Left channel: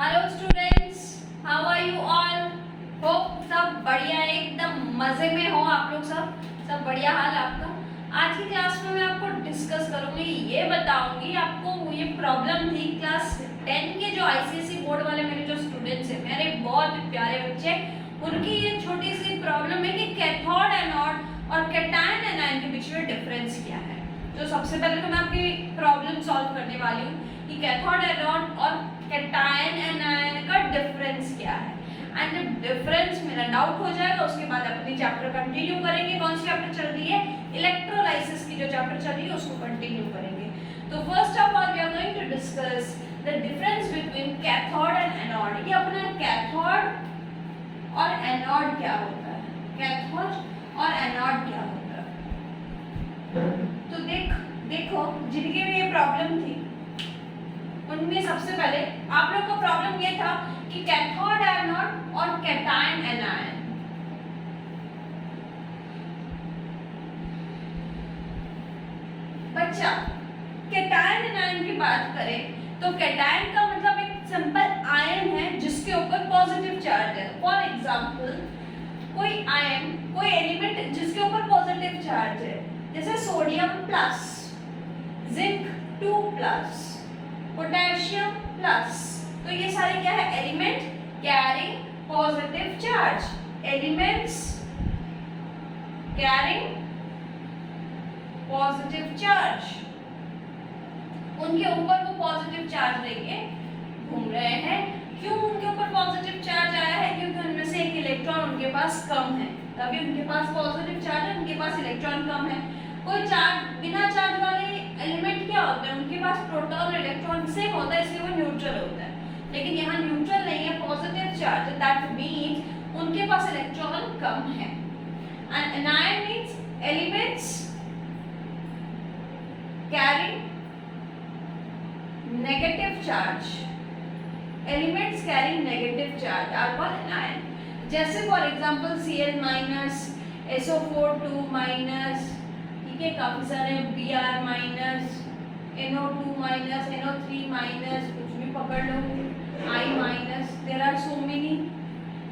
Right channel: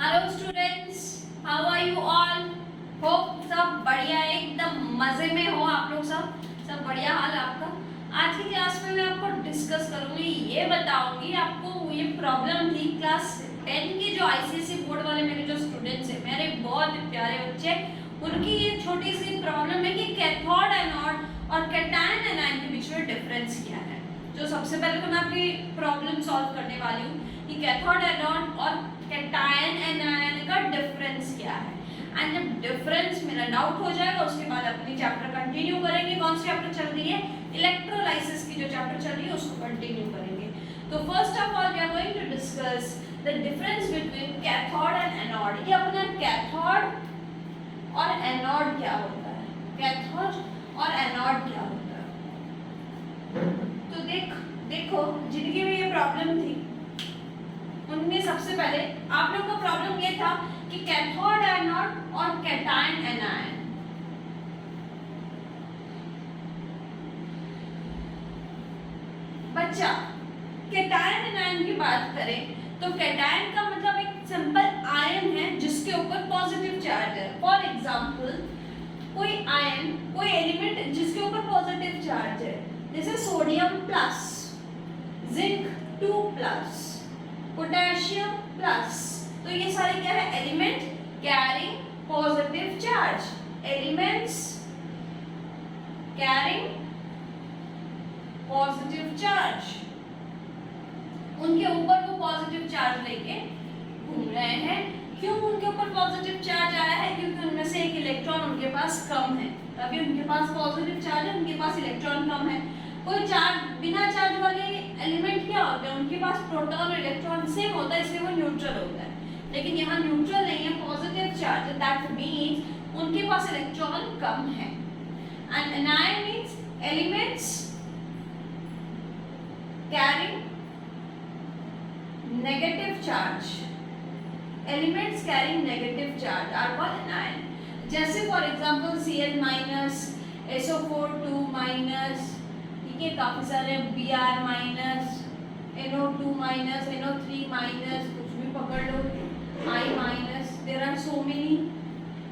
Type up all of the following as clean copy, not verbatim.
Hello students, how are you all? Hope सब बढ़िया, एकदम मजे में हो आप लोग। सब बढ़िया हाल है आपका। आज की क्लास में मैं आपको डिस्कस करूंगी, ये बताऊंगी आपको ये प्रॉब्लम थी क्लास 10 के जो आईसीएसई बोर्ड वाले मेरे जो स्टूडेंट्स हैं, मेरे बहुत प्यारे बच्चे, उनकी ये छोटी सी प्रॉब्लम है कि कैथोड एनोड और कैटायन एनायन के बीच में डिफरेंस क्या है। जो सबसे पहले तो मैं आपकी प्रॉब्लम सॉल्व करने वाली हूँ कि कैथोड एनोड और कैटायन एनायन का डिफरेंस क्या है। एंड जब डिफरेंस मेरा डाउट हो जाएगा उसके बाद अपनी चैप्टर कंटिन्यू करेंगे। कौन सी चैप्टर चल रही है? इलेक्ट्रोलाइसिस की जो चैप्टर चल रही है उसको कंटिन्यू करेंगे। तो first of all we are going to discuss the difference between cathode and anode. ये अपना कैथोड और एनोड क्या होता है, कैथोड और एनोड क्या होता है। तो देखो जिनकी भी ये प्रॉब्लम थी उनमें सबसे पहले आप लोग का प्रॉब्लम ये था कि कैथोड एनोड और कैटायन एनायन। बच्चा कैटायन एनायन की बात करें तो कैटायन का मतलब एक सिंपल आयन है जिसके ऊपर पॉजिटिव चार्ज है। फॉर एग्जांपल कोई आयन, कोई एलिमेंट जिसके ऊपर पॉजिटिव चार्ज है, जैसे sodium plus, zinc 2 plus, potassium plus, तो ये सारे क्या है? Element carrying positive charge. Elements carrying positive charge, उनके ऊपर वो पॉजिटिव चार्ज लेके घूम रहे हैं। क्यों उनके ऊपर पॉजिटिव चार्ज आया है? क्योंकि उनमें से एक इलेक्ट्रॉन उनके पास कम है, तभी उनके पास पॉजिटिव चार्ज है, उनके पास इलेक्ट्रॉन कम है। कोई चार्ज, बिना चार्ज वाले एलिमेंट क्या होते हैं? उनके पास प्रोटॉन और इलेक्ट्रॉन सेम होता है, इसलिए वो न्यूट्रल होता है। लेकिन यहाँ न्यूट्रल नहीं है, पॉजिटिव चार्ज, दैट मींस उनके पास इलेक्ट्रॉन कम है। And anion means elements carrying negative charge. Elements carrying negative charge are called anion. जैसे for example Cl minus, SO4 2 minus, ठीक है, काफी सारे Br minus, NO2 minus, NO3 minus, कुछ भी पकड़ लो, I minus, there are so many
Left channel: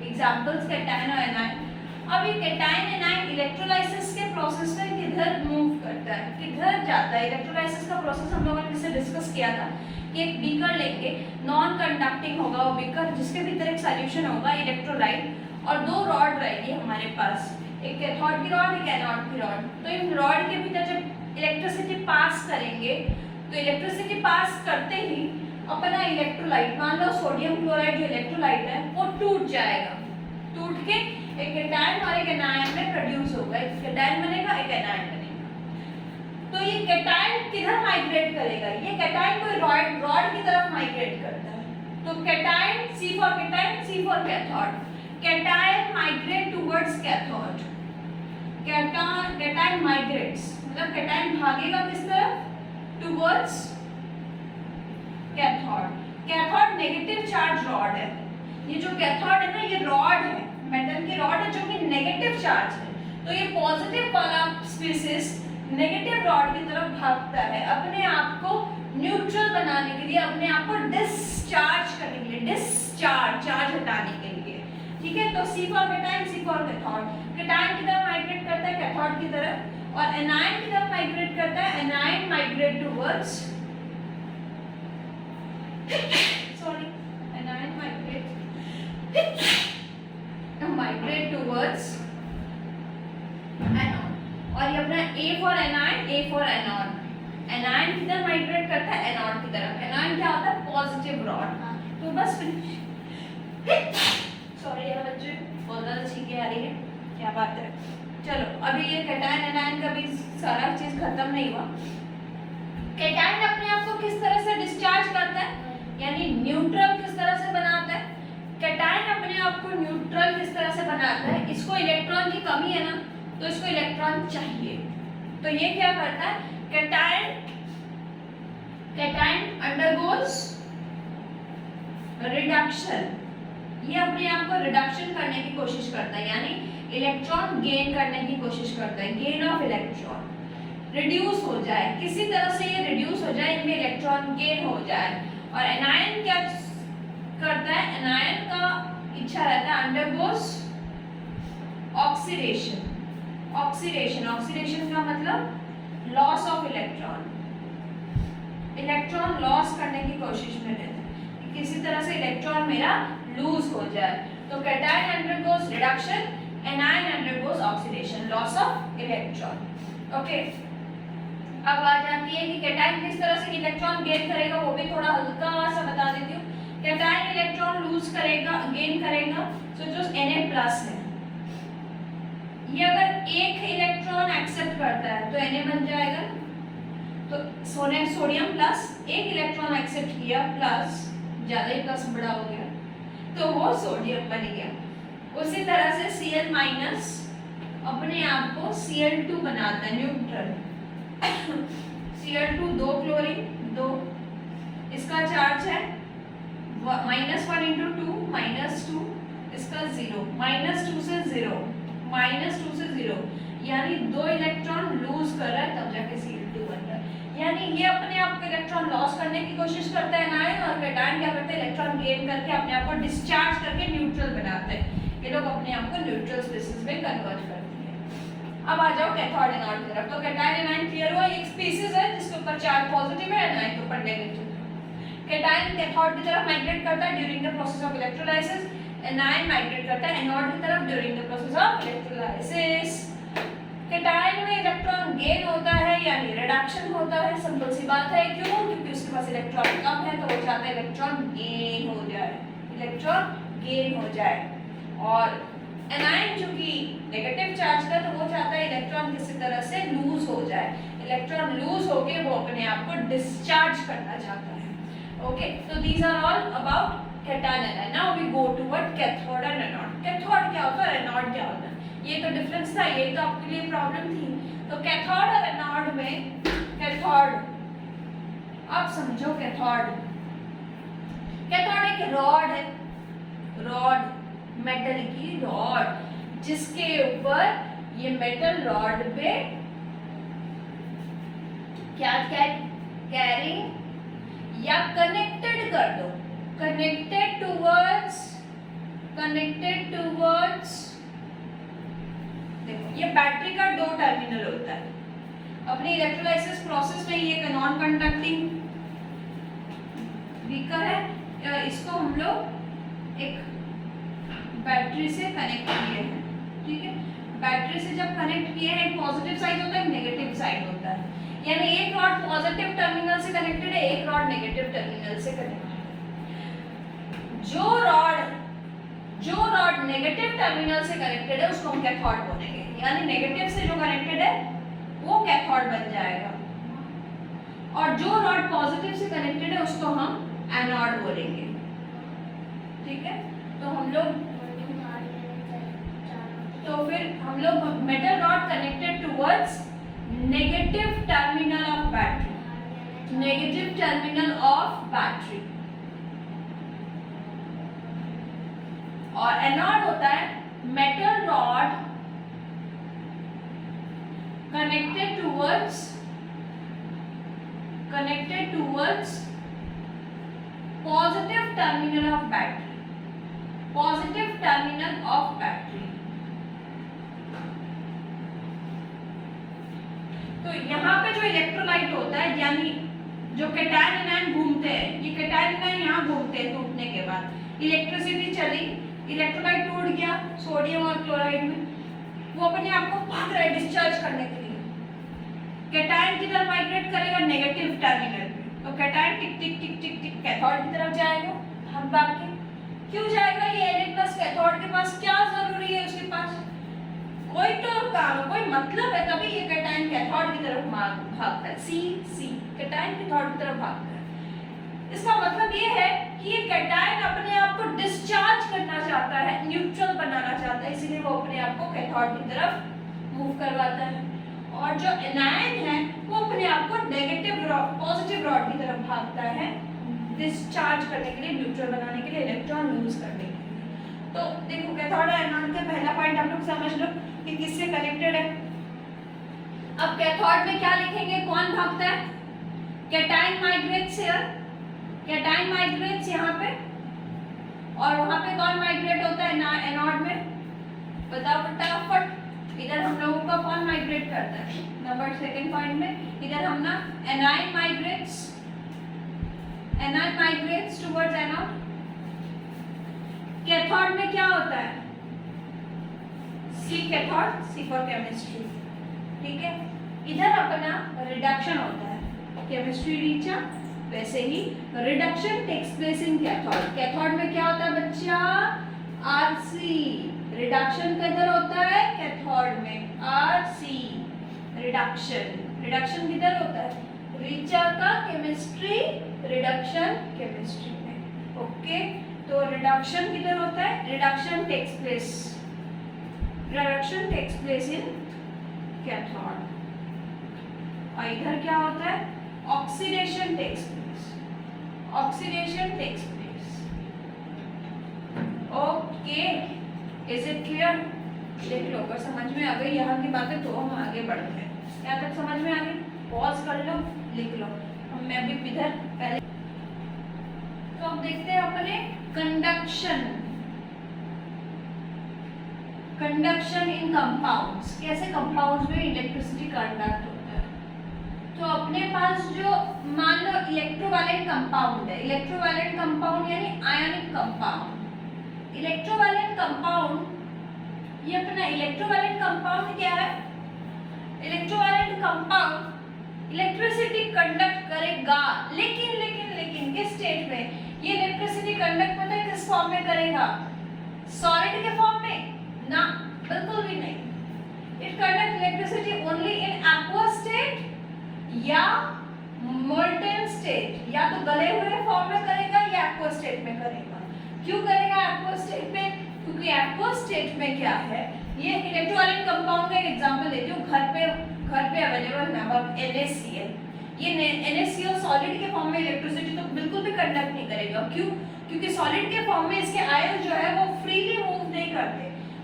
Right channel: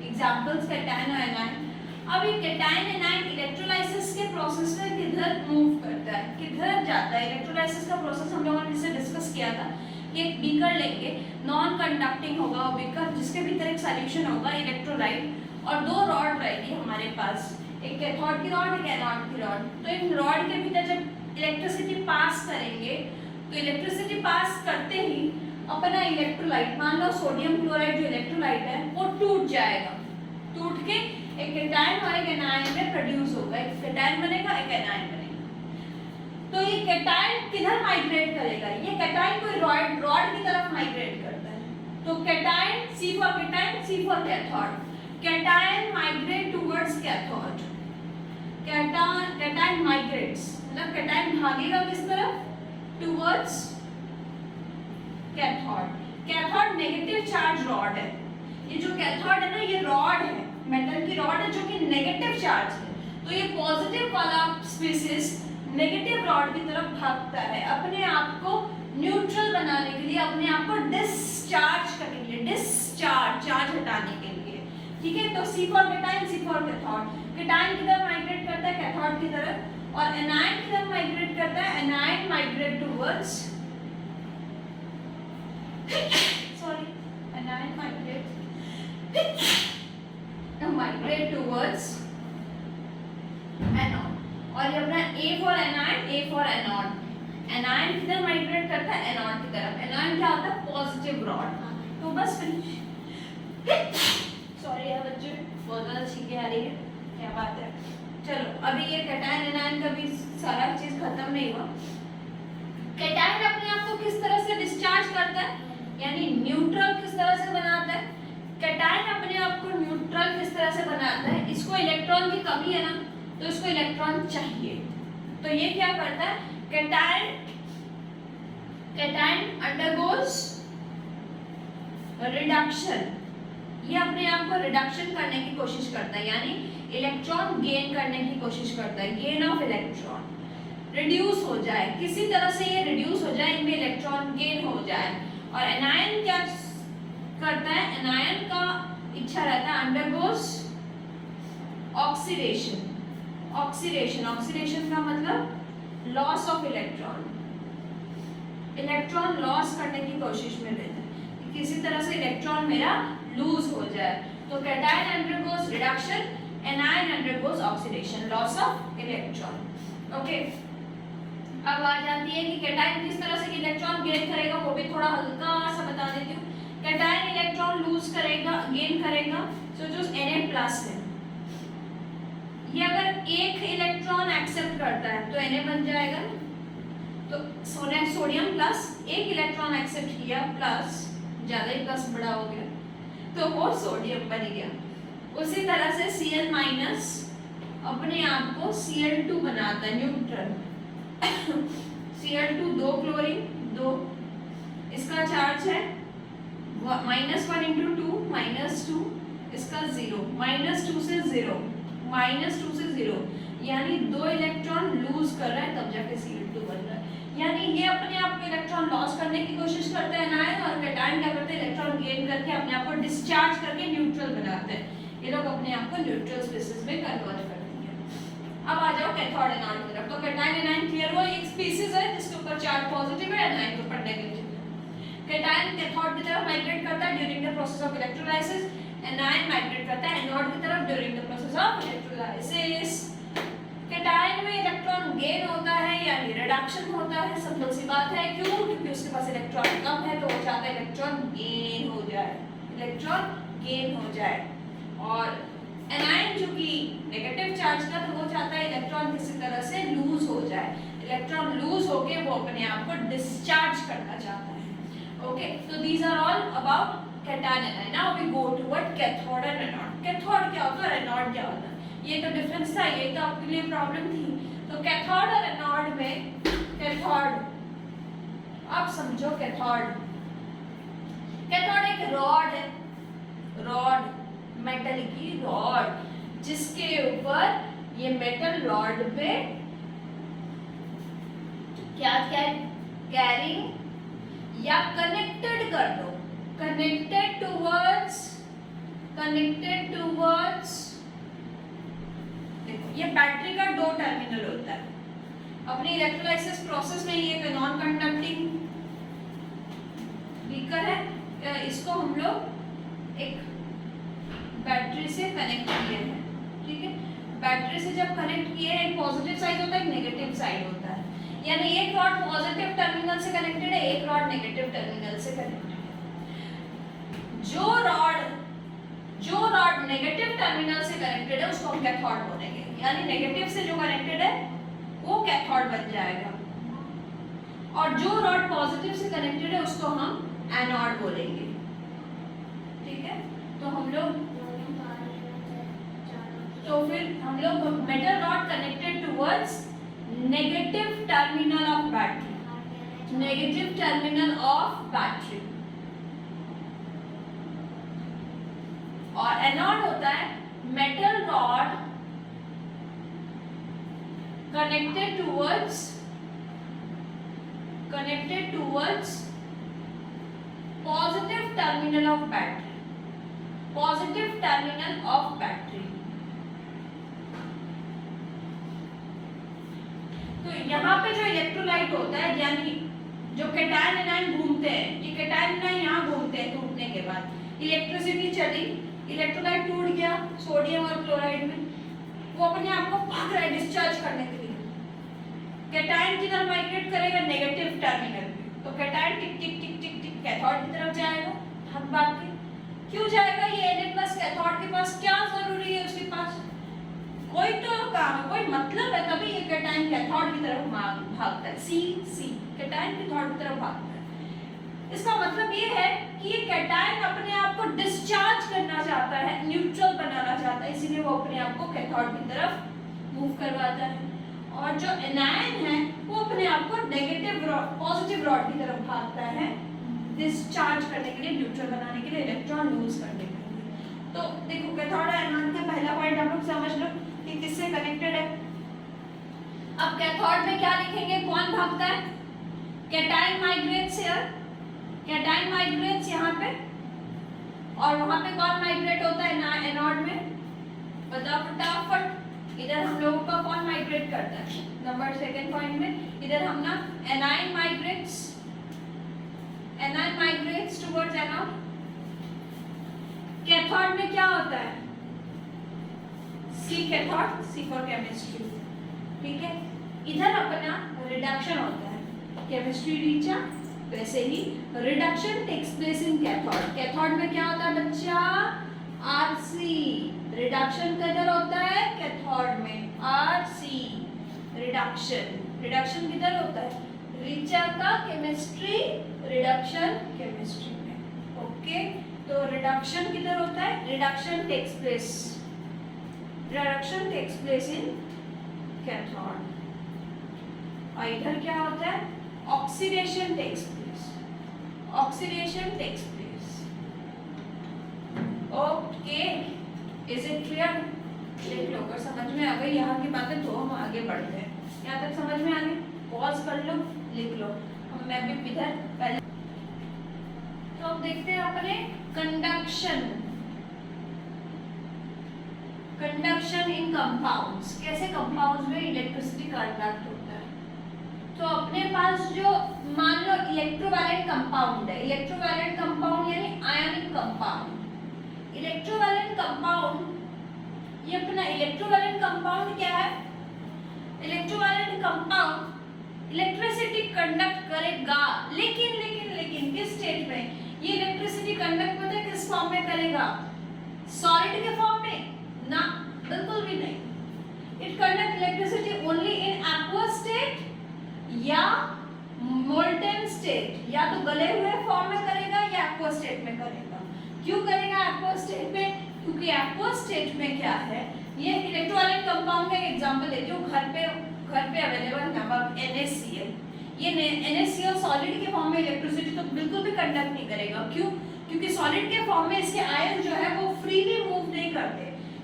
examples cation और एनायन। अब ये कैटायन एनायन इलेक्ट्रोलाइसिस के प्रोसेस में किधर मूव करता है, किधर जाता है? इलेक्ट्रोलाइसिस का प्रोसेस हम लोगों ने जिससे डिस्कस किया था कि एक बीकर लेंगे, नॉन कंडक्टिंग होगा वो बीकर, जिसके भीतर एक सॉल्यूशन होगा इलेक्ट्रोलाइट, और दो रॉड रहेगी हमारे पास, एक कैथोड की रॉड, एक एनोड की रॉड। तो इन रॉड के भीतर जब इलेक्ट्रिसिटी पास करेंगे तो इलेक्ट्रिसिटी पास करते ही अपना इलेक्ट्रोलाइट, मान लो सोडियम क्लोराइड जो इलेक्ट्रोलाइट है वो टूट जाएगा, टूट के एक कैटायन और एक एनायन में प्रोड्यूस होगा। एक कैटायन बनेगा, एक एनायन बनेगा। तो ये कैटायन किधर माइग्रेट करेगा? ये कैटायन कोई रॉड की तरफ माइग्रेट करता है। तो cation, C for cation, C for cathode. Cation migrate towards cathode. Cation migrates मतलब कैटायन भागेगा किस तरफ? Towards cathode. Cathode negative charge rod है। ये जो कैथोड है ना, ये रॉड है, मेटल की रॉड है जो कि नेगेटिव चार्ज है। तो ये पॉजिटिव वाला स्पीसीज नेगेटिव रॉड की तरफ भागता है अपने आप को न्यूट्रल बनाने के लिए, अपने आप को डिस्चार्ज करने के लिए, डिस्चार्ज चार्ज हटाने के लिए। ठीक है, तो C for cation, C for cathode. Cation की तरफ माइग्रेट करता है कैथोड की तरफ, और एनायन की तरफ माइग्रेट करता है, anion migrate towards migrate towards anode. और ये अपना A for anion, A for anode. Anion किधर माइग्रेट करता है? एनोड की तरफ। एनायन क्या होता है? Positive rod. तो बस सॉरी यार बच्चे, बहुत ज़्यादा छींके आ रही है, क्या बात है। चलो अभी ये कैटायन एनायन का भी सारा चीज़ खत्म नहीं हुआ। कैटायन अपने आप को किस तरह से डिस्चार्ज करता है, यानी न्यूट्रल किस तरह से बनाता है? कैटायन अपने आप को न्यूट्रल किस तरह से बनाता है? इसको इलेक्ट्रॉन की कमी है ना, तो इसको इलेक्ट्रॉन चाहिए। तो ये क्या करता है? Cation undergoes reduction. ये अपने आप को रिडक्शन करने की कोशिश करता है, यानी इलेक्ट्रॉन गेन करने की कोशिश करता है, गेन ऑफ इलेक्ट्रॉन, रिड्यूस हो जाए, किसी तरह से ये रिड्यूस हो जाए, इनमें इलेक्ट्रॉन गेन हो जाए। और एनायन क्या करता ऑक्सीडेशन। ऑक्सीडेशन का मतलब loss of electron, electron loss करने की कोशिश में रहता है कि किसी तरह से इलेक्ट्रॉन मेरा लूज हो जाए। तो cation undergoes reduction, anion undergoes oxidation, loss of electron. Okay, अब आ जाती है कि कैटायन किस तरह से इलेक्ट्रॉन गेन करेगा, वो भी थोड़ा हल्का सा बता देती हूँ। कैटायन इलेक्ट्रॉन लूज करेगा, गेन करेगा, तो जो Na+ है ये अगर एक इलेक्ट्रॉन एक्सेप्ट करता है तो Na बन जाएगा। तो सोडियम प्लस एक इलेक्ट्रॉन एक्सेप्ट किया प्लस, ज्यादा ही प्लस बड़ा हो गया तो वो सोडियम बन गया। उसी तरह से Cl- अपने आप को Cl2 बनाता है, न्यूट्रल। Cl2 2 क्लोरीन 2, इसका चार्ज है -1 × 2 -2, इसका 0, -2 से 0, -2 से 0, यानी 2 इलेक्ट्रॉन लूज कर रहा है तब जाके Cl2 बन रहा है। यानी ये अपने आप को इलेक्ट्रॉन लॉस करने की कोशिश करते हैं एनायन, और कैटायन क्या करते हैं, इलेक्ट्रॉन गेन करके अपने आप को डिस्चार्ज करके न्यूट्रल बनाते हैं। ये लोग अपने आप को न्यूट्रल स्पीशीज में कन्वर्ट करती है। अब आ जाओ कैथोड एनोड की तरफ। तो कैटायन एनायन क्लियर हुआ, एक स्पीशीज है जिसके ऊपर चार्ज पॉजिटिव है, एनायन के ऊपर नेगेटिव है। कैटायन कैथोड की तरफ माइग्रेट करता है during the process of electrolysis, anion migrate करता है एनोड की तरफ during the process of electrolysis. Cation में इलेक्ट्रॉन गेन होता है यानी रिडक्शन होता है, सिंपल सी बात है। क्यों? क्योंकि उसके पास इलेक्ट्रॉन कम है तो वो चाहता है इलेक्ट्रॉन गेन हो जाए, इलेक्ट्रॉन गेन हो जाए। और एनायन जो कि नेगेटिव चार्ज का, तो वो चाहता है इलेक्ट्रॉन किसी तरह से लूज हो जाए, इलेक्ट्रॉन लूज होके वो अपने आप को डिस्चार्ज करना चाहता है। ओके, तो these are all about cation anion. Now we go toward cathode and anode. Cathode क्या होता है, एनोड क्या होता है, ये तो डिफरेंस था, ये तो आपके लिए प्रॉब्लम थी। तो कैथोड और एनोड में, कैथोड आप समझो, कैथोड एक रॉड है, रॉड मेटल की रॉड, जिसके ऊपर ये मेटल रॉड पे क्या कैरिंग या कनेक्टेड कर दो, कनेक्टेड टूवर्ड्स देखो, ये बैटरी का 2 टर्मिनल होता है। अपने इलेक्ट्रोलाइसिस प्रोसेस में ये एक नॉन कंडक्टिंग बीकर है, इसको हम लोग एक बैटरी से कनेक्ट किए हैं, ठीक है। बैटरी से जब कनेक्ट किए हैं, एक पॉजिटिव साइड होता है, एक नेगेटिव साइड होता है, यानी एक रॉड पॉजिटिव टर्मिनल से कनेक्टेड है, एक रॉड नेगेटिव टर्मिनल से कनेक्टेड है। जो रॉड नेगेटिव टर्मिनल से कनेक्टेड है उसको हम कैथोड बोलेंगे, यानी नेगेटिव से जो कनेक्टेड है वो कैथोड बन जाएगा, और जो रॉड पॉजिटिव से कनेक्टेड है उसको हम एनोड बोलेंगे, ठीक है। तो हम लोग metal rod connected towards negative terminal of battery, negative terminal of battery. और एनोड होता है metal rod connected towards positive terminal of battery, positive terminal of battery. तो यहाँ पे जो इलेक्ट्रोलाइट होता है, यानी जो कैटायन एनायन घूमते हैं, ये कैटायन एनायन यहाँ घूमते हैं, टूटने के बाद इलेक्ट्रिसिटी चली, इलेक्ट्रोलाइट टूट गया सोडियम और क्लोराइड में, वो अपने आप को भाग रहा है डिस्चार्ज करने के लिए। कैटायन किधर माइग्रेट करेगा, नेगेटिव टर्मिनल पे, तो कैटायन टिक टिक टिक टिक टिक कैथोड की तरफ जाएगा, भाग के। क्यों जाएगा, ये Na+ कैथोड के पास क्या जरूरी है, उसके पास कोई तो काम, कोई मतलब है, तभी ये कैटायन कैथोड की तरफ भागता है। सी कैटायन कैथोड की तरफ भागता है। इसका मतलब ये है कि ये कैटायन अपने आप को डिस्चार्ज करना चाहता है, न्यूट्रल बनाना चाहता है, इसीलिए वो अपने आप को कैथोड की तरफ मूव करवाता है। और जो एनायन है वो अपने आप को नेगेटिव पॉजिटिव रॉड की तरफ भागता है, डिस्चार्ज करने के लिए, न्यूट्रल बनाने के लिए, इलेक्ट्रॉन लूज करने के लिए। तो देखो कैथोड और एनोड का पहला पॉइंट हम लोग समझ लो कि किससे कनेक्टेड है। अब कैथोड में क्या लिखेंगे, कौन भागता है, cation migrates here, cation migrates यहाँ पे, और वहां पे कौन माइग्रेट होता है एनोड में, बताओ फटाफट। इधर हम लोगों का कौन माइग्रेट करता है? नंबर सेकंड पॉइंट में इधर हम ना A9 migrates towards anode. Cathode में क्या होता है? सी कैथोड, सी फॉर केमिस्ट्री, ठीक है। इधर अपना रिडक्शन होता है, केमिस्ट्री टीचर, वैसे ही reduction takes place in cathode. Cathode में क्या होता है बच्चा? आरसी। रिडक्शन किधर होता है? कैथोड में, आरसी रिडक्शन किधर होता है? रीचा का केमिस्ट्री रिडक्शन केमिस्ट्री में, ओके। तो रिडक्शन किधर होता है? Reduction takes place in cathode. और इधर क्या होता है? Oxidation takes place. Okay, is it clear? देख लो, अगर समझ में आ गई यहाँ की बातें तो हम आगे बढ़ते हैं। यहाँ तक समझ में आ गई? पॉज कर लो, लिख लो। मैं भी इधर पहले तो अब देखते हैं अपने कंडक्शन इन कंपाउंड्स। कैसे कंपाउंड्स में इलेक्ट्रिसिटी कंडक्ट होता है? तो अपने पास जो मान लो इलेक्ट्रोवैलेंट कंपाउंड है, इलेक्ट्रोवैलेंट कंपाउंड यानी आयनिक कंपाउंड। इलेक्ट्रोवैलेंट कंपाउंड, ये अपना इलेक्ट्रोवैलेंट कंपाउंड क्या है? इलेक्ट्रोवैलेंट कंपाउंड इलेक्ट्रिसिटी कंडक्ट करेगा, लेकिन किस स्टेट में? ये इलेक्ट्रिसिटी कंडक्ट पता है किस फॉर्म में करेगा? सॉलिड के फॉर्म में? ना, बिल्कुल भी नहीं। It conduct electricity only in aqueous state या मोल्टेन स्टेट। या तो गले हुए फॉर्म में करेगा या एक्वस स्टेट में करेगा। क्यों करेगा एक्वस स्टेट में? क्योंकि एक्वस स्टेट में क्या है, ये इलेक्ट्रोवैलेंट कंपाउंड का एक एग्जांपल देती हूँ। घर पे अवेलेबल नमक NaCl, ये NaCl सॉलिड के फॉर्म में इलेक्ट्रिसिटी तो बिल्कुल भी कंडक्ट नहीं करेगा। क्यों? क्योंकि सॉलिड के फॉर्म में इसके आयन जो है वो फ्रीली मूव नहीं करते,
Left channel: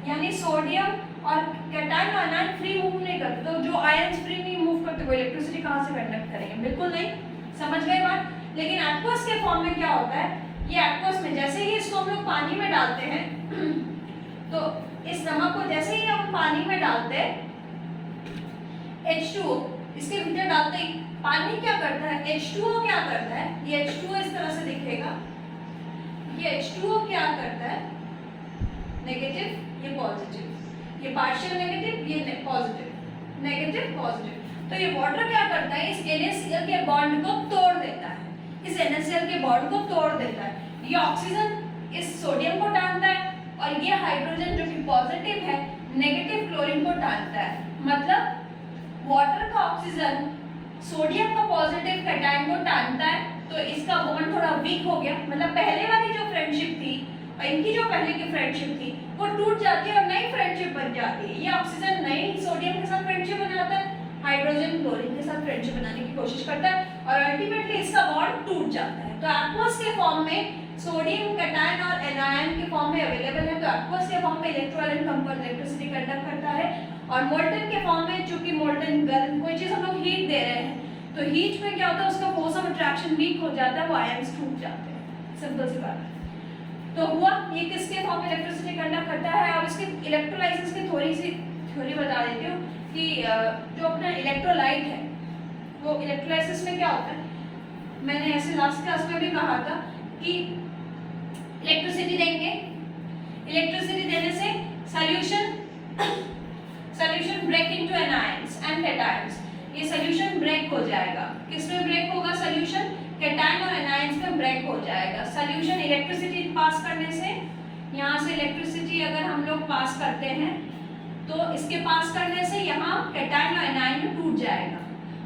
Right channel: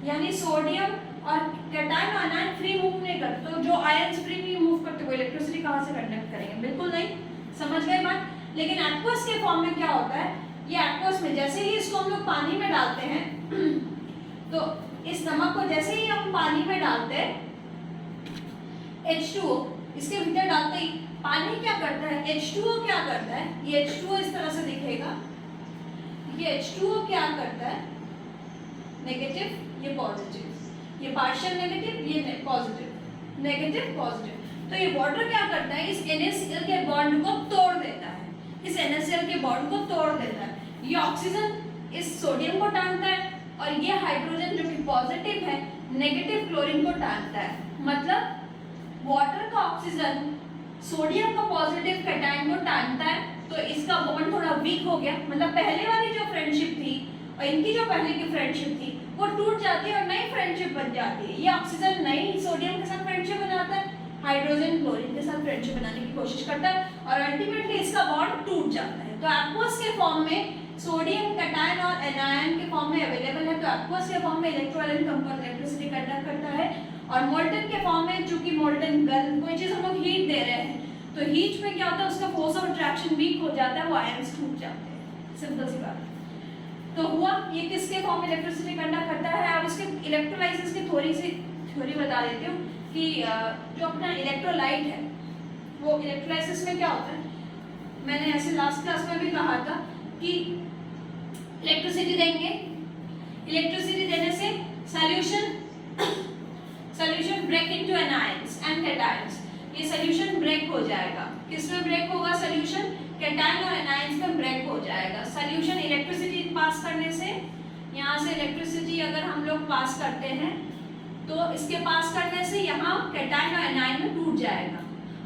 यानी सोडियम और कैटायन और आयन फ्री मूव नहीं करते। तो जो आयन्स फ्री नहीं मूव करते वो इलेक्ट्रिसिटी कहाँ से कंडक्ट करेंगे? बिल्कुल नहीं। समझ गए बात? लेकिन एक्वस के फॉर्म में क्या होता है? ये एक्वस में जैसे ही इसको हम लोग पानी में डालते हैं तो इस नमक को जैसे ही हम पानी में डालते हैं, H2O इसके भीतर डालते ही पानी क्या करता है? H2O क्या करता है? ये H2O इस तरह से दिखेगा। ये H2O क्या करता है? नेगेटिव, ये पॉजिटिव, ये पार्शियल नेगेटिव, ये पॉजिटिव, नेगेटिव पॉजिटिव। तो ये वाटर क्या करता है? इस NaCl के बॉन्ड को तोड़ देता है, इस NaCl के बॉन्ड को तोड़ देता है। ये ऑक्सीजन इस सोडियम को टानता है और ये हाइड्रोजन जो कि पॉजिटिव है नेगेटिव क्लोरीन को टानता है। मतलब वाटर का ऑक्सीजन सोडियम का पॉजिटिव कैटायन को टानता है, तो इसका बॉन्ड थोड़ा वीक हो गया। मतलब पहले वाली जो फ्रेंडशिप थी और इनकी जो पहले की फ्रेंडशिप थी वो टूट जाती है और नई फ्रेंडशिप बन जाती है। ये ऑक्सीजन नई सोडियम के साथ फ्रेंडशिप बनाता है, हाइड्रोजन क्लोरीन के साथ फ्रेंडशिप बनाने की कोशिश करता है और अल्टीमेटली इसका बॉन्ड टूट जाता है। तो एक्वस के फॉर्म में सोडियम कैटायन और एनायन के फॉर्म में अवेलेबल है, तो एक्वस के फॉर्म में इलेक्ट्रोवैलेंट कंपाउंड इलेक्ट्रिसिटी कंडक्ट करता है। और मोल्टन के फॉर्म में, चूंकि मोल्टन गर्म कोई चीज हम लोग हीट दे रहे हैं, तो हीट में क्या होता है? उसका फोर्स ऑफ अट्रैक्शन वीक हो जाता है, वो आयंस टूट जाते हैं। सिंपल सी बात है। तो हुआ ये किसके फॉर्म में इलेक्ट्रिसिटी कंडक्ट करता है? और इसके इलेक्ट्रोलाइसिस की थोड़ी सी थ्योरी बता देती हूँ कि जो अपना इलेक्ट्रोलाइट है वो इलेक्ट्रोलाइसिस में क्या होता है? मैंने ऐसे लास्ट क्लास में भी कहा था कि इलेक्ट्रिसिटी देंगे, इलेक्ट्रिसिटी देने से solution break into anions and cations. ये सॉल्यूशन ब्रेक हो जाएगा। किसमें ब्रेक होगा सॉल्यूशन? कैटायन और एनायंस में ब्रेक हो जाएगा। सॉल्यूशन इलेक्ट्रिसिटी पास करने से, यहाँ से इलेक्ट्रिसिटी अगर हम लोग पास करते हैं तो इसके पास करने से यहाँ कैटायन और एनायन में टूट जाएगा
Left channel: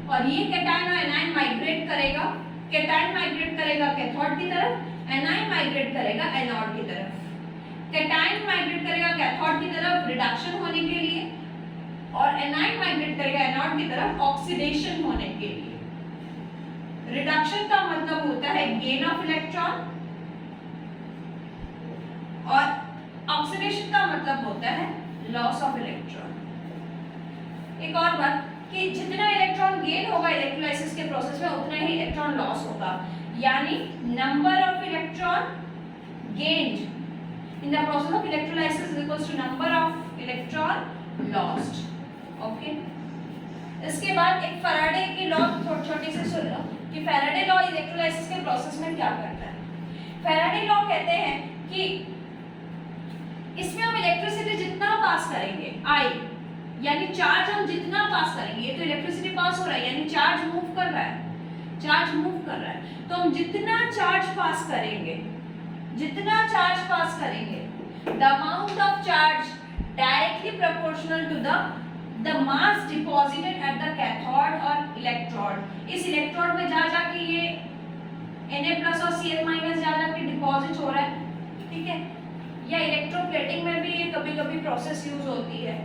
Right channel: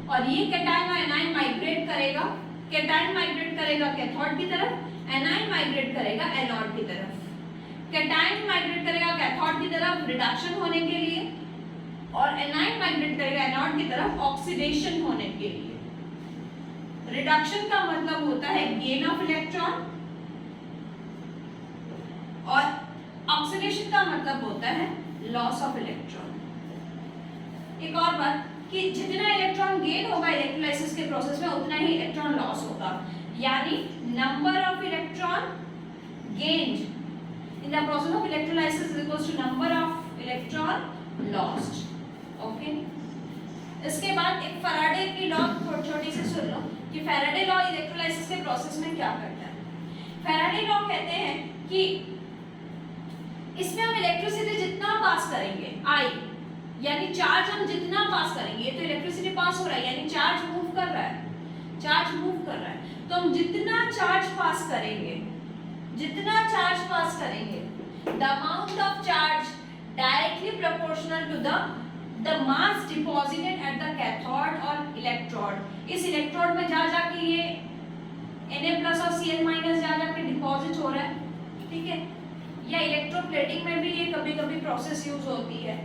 और ये कैटायन और एनायन माइग्रेट करेगा। कैटायन माइग्रेट करेगा कैथोड की तरफ, एनायन माइग्रेट करेगा एनोड की तरफ। कैटायन माइग्रेट करेगा कैथोड की तरफ रिडक्शन होने के लिए और एनायन माइग्रेट करेगा एनोड की तरफ ऑक्सीडेशन होने के लिए। रिडक्शन का मतलब होता है गेन ऑफ इलेक्ट्रॉन और ऑक्सीडेशन का मतलब होता है लॉस ऑफ इलेक्ट्रॉन। एक और बात कि जितना इलेक्ट्रॉन गेन होगा इलेक्ट्रोलाइसिस के प्रोसेस में उतना ही इलेक्ट्रॉन लॉस होगा, यानी number of electron gained in the process of electrolysis is equals to number of electron lost. Okay, इसके बाद एक फैराडे की लॉ छोटी सी सुन लो कि फैराडे लॉ इलेक्ट्रोलाइसिस के प्रोसेस में क्या करता है। फैराडे लॉ कहते हैं कि इसमें हम इलेक्ट्रिसिटी जितना पास करेंगे, आई यानी चार्ज हम जितना पास करेंगे, ये तो इलेक्ट्रिसिटी पास हो रहा है यानी चार्ज मूव कर रहा है, चार्ज मूव कर रहा है, तो हम जितना चार्ज पास करेंगे, जितना चार्ज पास करेंगे, the amount of charge directly proportional to the mass deposited at the cathode और इलेक्ट्रोड। इस इलेक्ट्रोड में जा जाके ये Na+ और Cl- जा जाके डिपॉजिट हो रहा है, ठीक है। या इलेक्ट्रोप्लेटिंग में भी ये कभी कभी प्रोसेस यूज होती है,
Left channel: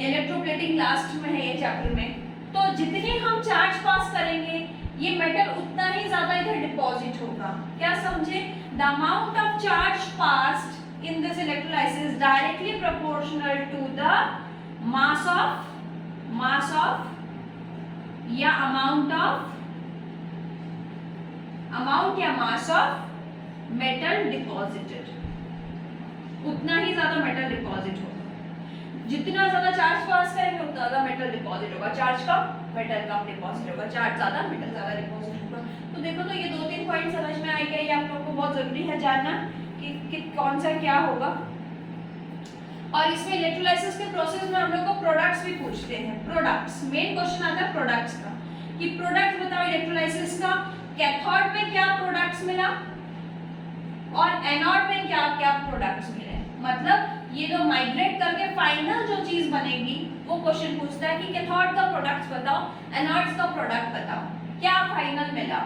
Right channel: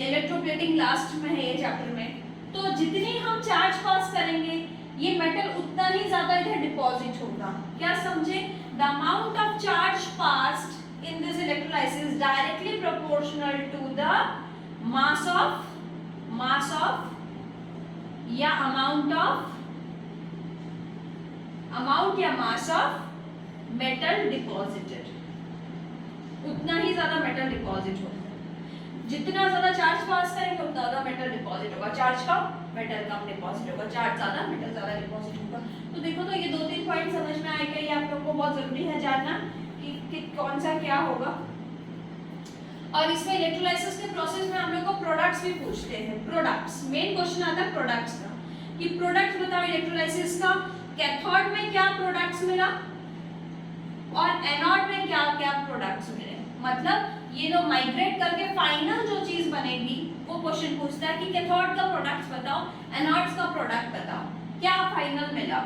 इलेक्ट्रोप्लेटिंग लास्ट में है ये चैप्टर में। तो जितनी हम चार्ज पास करेंगे ये मेटल उतना ही ज्यादा इधर डिपॉजिट होगा। क्या समझे? The amount of charge passed in this electrolysis directly proportional to the mass of या अमाउंट या मास ऑफ मेटल डिपॉजिटेड, उतना ही ज्यादा मेटल डिपॉजिट होगा। जितना ज्यादा चार्ज पास करेंगे उतना ज्यादा मेटल डिपॉजिट होगा, चार्ज कम मेटल कम डिपॉजिट होगा, चार्ज ज्यादा मेटल ज्यादा डिपॉजिट होगा। तो देखो, तो ये 2-3 पॉइंट समझ में आएगा, ये आप लोगों को बहुत जरूरी है जानना कि कौन सा क्या होगा। और इसमें इलेक्ट्रोलाइसिस के प्रोसेस में हम लोग को प्रोडक्ट्स भी पूछते हैं। प्रोडक्ट्स, मेन क्वेश्चन आता है प्रोडक्ट्स का कि प्रोडक्ट बताओ इलेक्ट्रोलाइसिस का। कैथोड में क्या प्रोडक्ट्स मिला और एनोड में क्या क्या प्रोडक्ट्स मिले, मतलब ये जो माइग्रेट करके फाइनल जो चीज बनेगी वो क्वेश्चन पूछता है कि कैथोड का प्रोडक्ट्स बताओ, एनोड्स का प्रोडक्ट बताओ, क्या फाइनल मिला।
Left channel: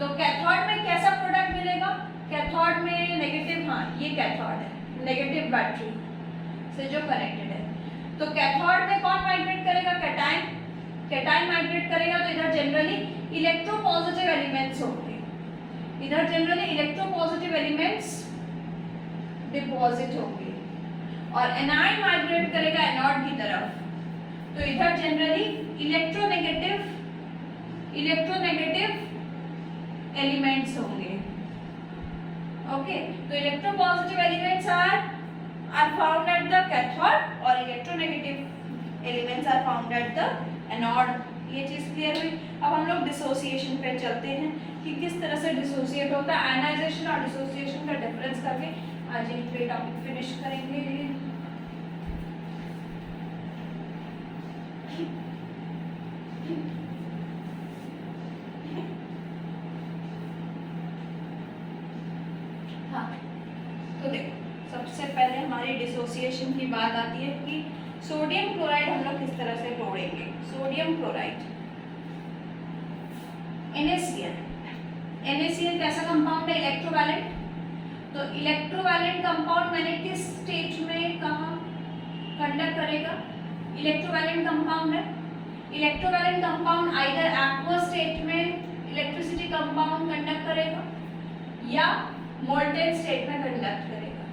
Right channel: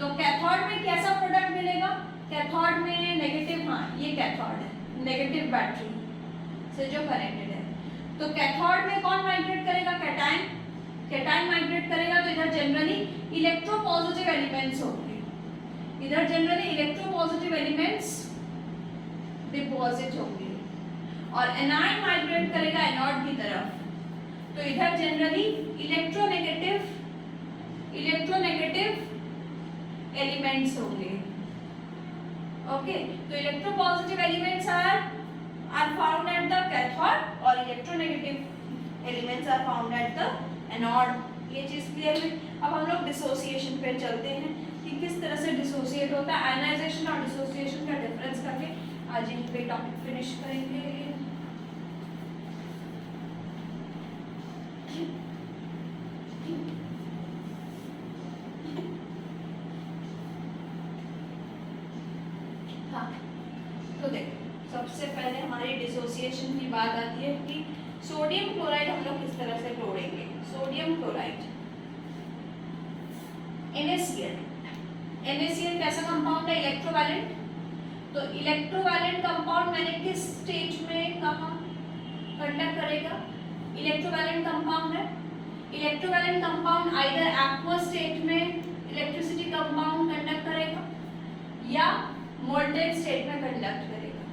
तो कैथोड में कैसा प्रोडक्ट मिलेगा? कैथोड में नेगेटिव, हाँ ये कैथोड है, नेगेटिव बैटरी से जो कनेक्टेड है। तो कैथोड में कौन माइग्रेट करेगा? कैटायन, कैटायन माइग्रेट करेगा। तो इधर जनरली इलेक्ट्रोपॉजिटिव एलिमेंट्स होंगे, इधर जनरली इलेक्ट्रोपॉजिटिव एलिमेंट्स डिपॉजिट होंगे, और एनायन माइग्रेट करेगा एनोड की तरफ। तो इधर जनरली इलेक्ट्रोनेगेटिव एलिमेंट्स होंगे। ओके, तो electropositive elements are found at the cathode और electronegative elements are found at the anode. ये चीज क्लियर हुई। अब हम लोग डिसोसिएशन पे चलते हैं कि किस तरह से डिसोसिएट होता है। आयनाइजेशन और डिसोसिएशन का डिफरेंस करके आज ये टॉपिक फिनिश करेंगे। हाँ, तो देखो, सबसे पहले हमारी डिसोसिएशन की बात आती है कि सोडियम क्लोराइड हम लोग किस तरह से तोड़ेंगे। सोडियम क्लोराइड NaCl कैसा कंपाउंड है? इलेक्ट्रोवैलेंट। तो इलेक्ट्रोवैलेंट कंपाउंड मैग्नेटिक स्टेट में कहाँ कंडक्ट करेगा? इलेक्ट्रोवैलेंट कंपाउंड है। Electrovalent compound either aqueous state में इलेक्ट्रिसिटी कंपाउंड कंडक्ट करेगा या मोल्टेन स्टेट में कंडक्ट करेगा।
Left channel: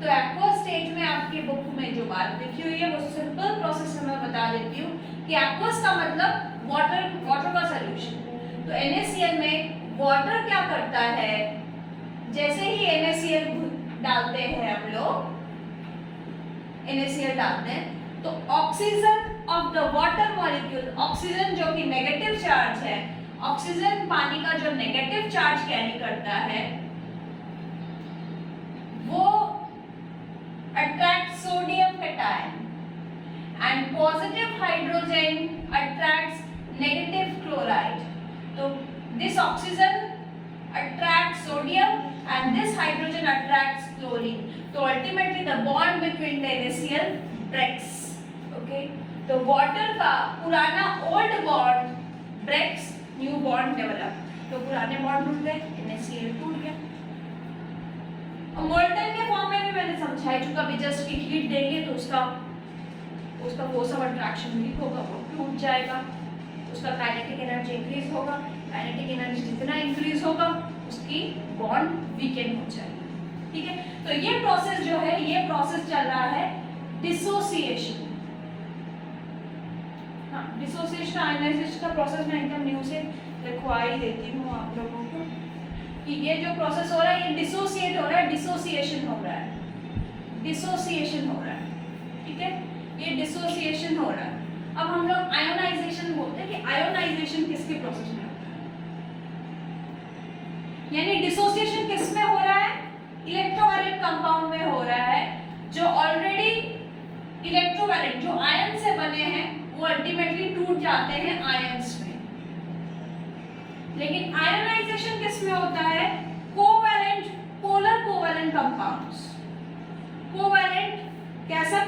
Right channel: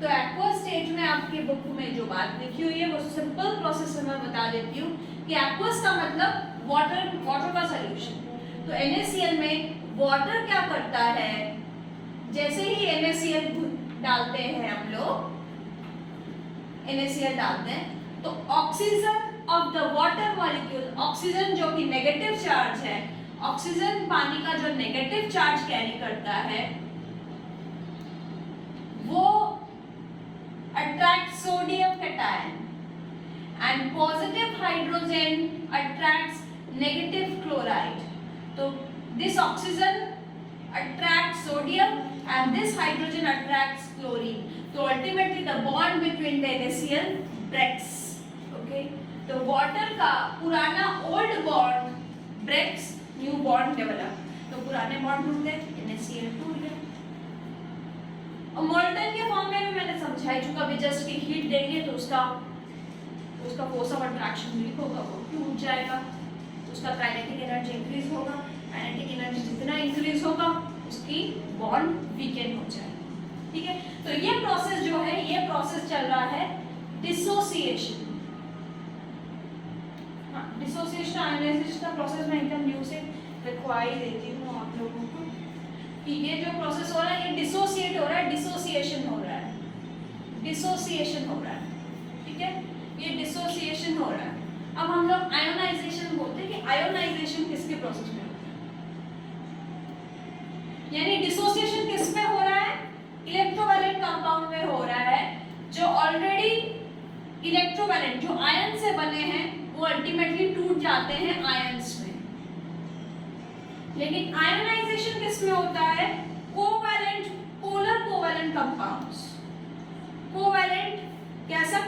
तो एक्वस स्टेट में आपकी बुक में जो बात लिखी हुई है वो सिंपल प्रोसेस मैं बता देती हूँ कि एक्वस का मतलब वाटर का सॉल्यूशन। तो NaCl में वाटर क्या करता है? जैसे ही NaCl डालते हैं हम लोग, NaCl डालते हैं तो oxygen of the water molecule, oxygen जो कि नेगेटिव चार्ज है, ऑक्सीजन पानी का जो नेगेटिव चार्ज कैरी करता है वो attract sodium cation and positive hydrogen attracts negative chloride. So this oxygen attracts sodium and this hydrogen attracts chlorine. So ultimately the bond between the NaCl breaks. Okay. तो water का पुराना old bond breaks, new bond develop. तो पुराने bond टूट गए, NaCl टूट गया। और मोल्टन के फॉर्म में भी मैंने समझाई चुका, अभी जस्ट की हीट देंगे तो उसका फोर्स ऑफ अट्रैक्शन वीक होगा, वो टूट जाएगा, उसका काइनेटिक एनर्जी इंक्रीज होगा, काइनेटिक एनर्जी जितना इंक्रीज होगा उसकी बॉन्ड वीकेन हो जाएगी। ठीक है, तो ये प्रोसेस जो है, ये प्रोसेस चल रहा है डिसोसिएशन। हाँ, डिसोसिएशन आयनाइजेशन का प्रोसेस मैं एकदम न्यू से लिखवाई देती हूँ आप लोगों को कि ये जो प्रोसेस हो रहा है ये डिसोसिएट हो रहा है, डिसोसिएशन हो रहा है, डिसोसिएशन हो रहा है। ये डिसोसिएशन हो रहा है। अब हम लोग आयोनाइजेशन बोलते हैं कि आयोनाइजेशन किसके प्रोसेस में होता है, यानी डिसोसिएशन किस में हो रहा है, इलेक्ट्रोवैलेंट कंपाउंड में हो रहा है, जो ऑलरेडी इलेक्ट्रोवैलेंट जो आयन से बने हैं वो अल्टीमेटली टूट जाते हैं आयंस में। लेकिन आयोनाइजेशन किस में होता है, covalent polar covalent compounds, covalent कैसा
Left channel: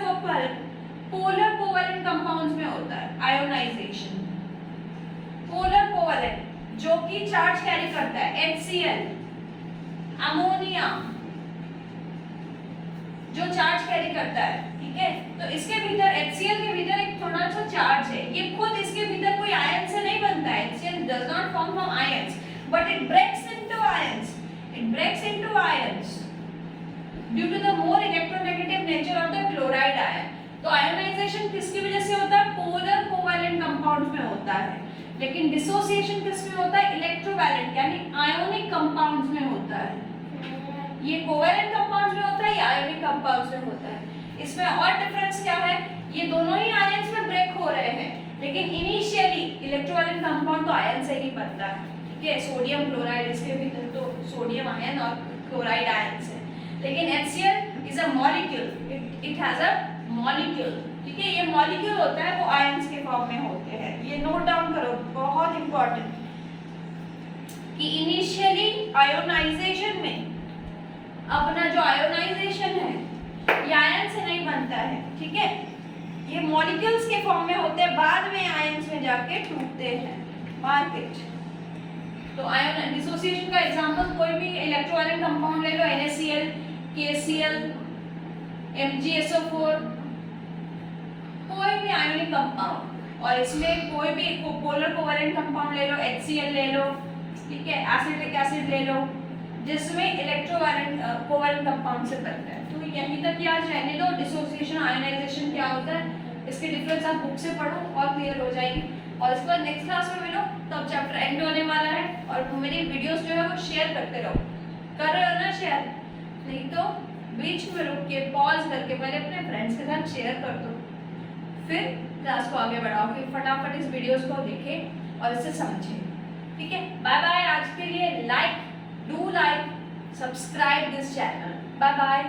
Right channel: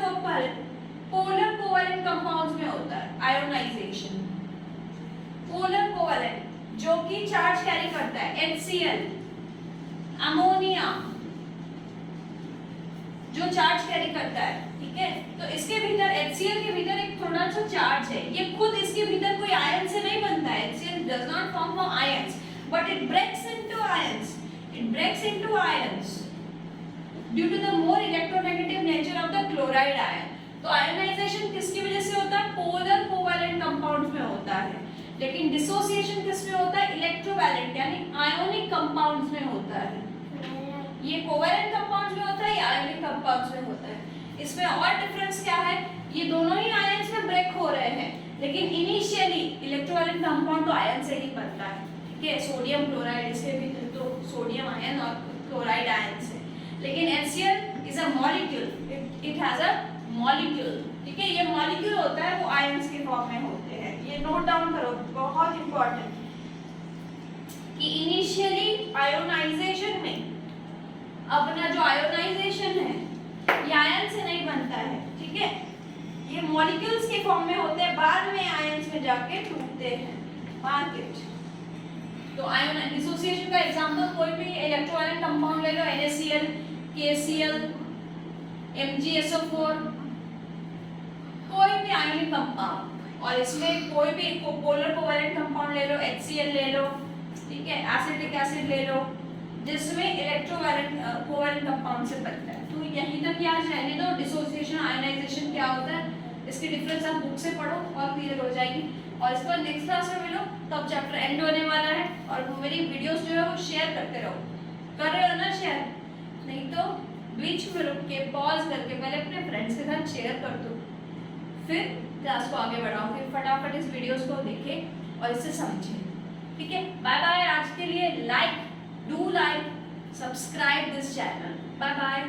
पोलर कोवैलेंट कंपाउंड्स में होता है आयोनाइजेशन। पोलर कोवैलेंट जो कि चार्ज कैरी करता है, HCl, अमोनिया जो चार्ज कैरी करता है, ठीक है। तो इसके भीतर HCl के भीतर एक थोड़ा सा चार्ज है, ये खुद इसके भीतर कोई आयन से नहीं बनता है, HCl does not form from ions but it breaks into ions, it breaks into ions due to the more electronegative nature of the chloride ion। तो आयोनाइजेशन किसकी वजह से होता है, पोलर कोवैलेंट कंपाउंड्स में होता है। लेकिन डिसोसिएशन किस में होता है, इलेक्ट्रोवैलेंट यानी आयोनिक कंपाउंड्स में होता है। ये कोवैलेंट कंपाउंड्स में होता है, ये आयोनिक कंपाउंड्स में होता है। इसमें और डिफरेंस क्या है, ये दोनों ही आयंस में ब्रेक हो रहे हैं, लेकिन इनिशियली इलेक्ट्रोवैलेंट कंपाउंड तो आयन से ही बनता है, ठीक है। सोडियम क्लोराइड, इसके भीतर तो सोडियम आयन और क्लोराइड आयन से। लेकिन HCl is a molecule, it has a molecule, ठीक है। ये मॉलिक्यूल होता है वो आयंस के फॉर्म में होते हैं, ये नोट डाउन करो, बहुत इंपॉर्टेंट, कि इनिशियली आयोनाइजेशन में अपना जो आयोनाइजेशन है ये आयन से नहीं बनता है, ठीक है। ये मॉलिक्यूल्स के फॉर्म में होते हैं, बाद में आयंस में जाके टूटते हैं, मार्केट। तो आयन डिसोसिएशन का एग्जांपल कोई भी इलेक्ट्रोवैलेंट कंपाउंड ले लो, NaCl, KCl, MgSO4, कोई भी आयोनिक कंपाउंड, और इसमें कोई भी पोलर कोवैलेंट कंपाउंड ले लो, HCl ले लो, ठीक है, एसिटिक एसिड ले लो, जिसमें इलेक्ट्रोवैलेंट कोवैलेंट कंपाउंड से बनता है। तो यहीं तक आज रहने दो, डिसोसिएशन आयोनाइजेशन क्या होता है, इसके डिफरेंस आप बुक से पढ़ो और क्लियर हो जाएगी। और इसके बाद नेक्स्ट क्लास में मिलो, तब चैप्टर एंड होने वाला है। और मेरी वीडियोस जो है वो शेयर करते रहो, कर रहे हो ना शेयर, नहीं तो बीच में रुक के पॉज करके पहले अपने फ्रेंड्स के साथ शेयर कर दो, फिर क्लास को आगे बढ़ाओ, कि फटाफट इस वीडियोस को देखें और इसे समझें, ठीक है। Bye bye. आज के लिए like, do like, subscribe this channel, bye bye.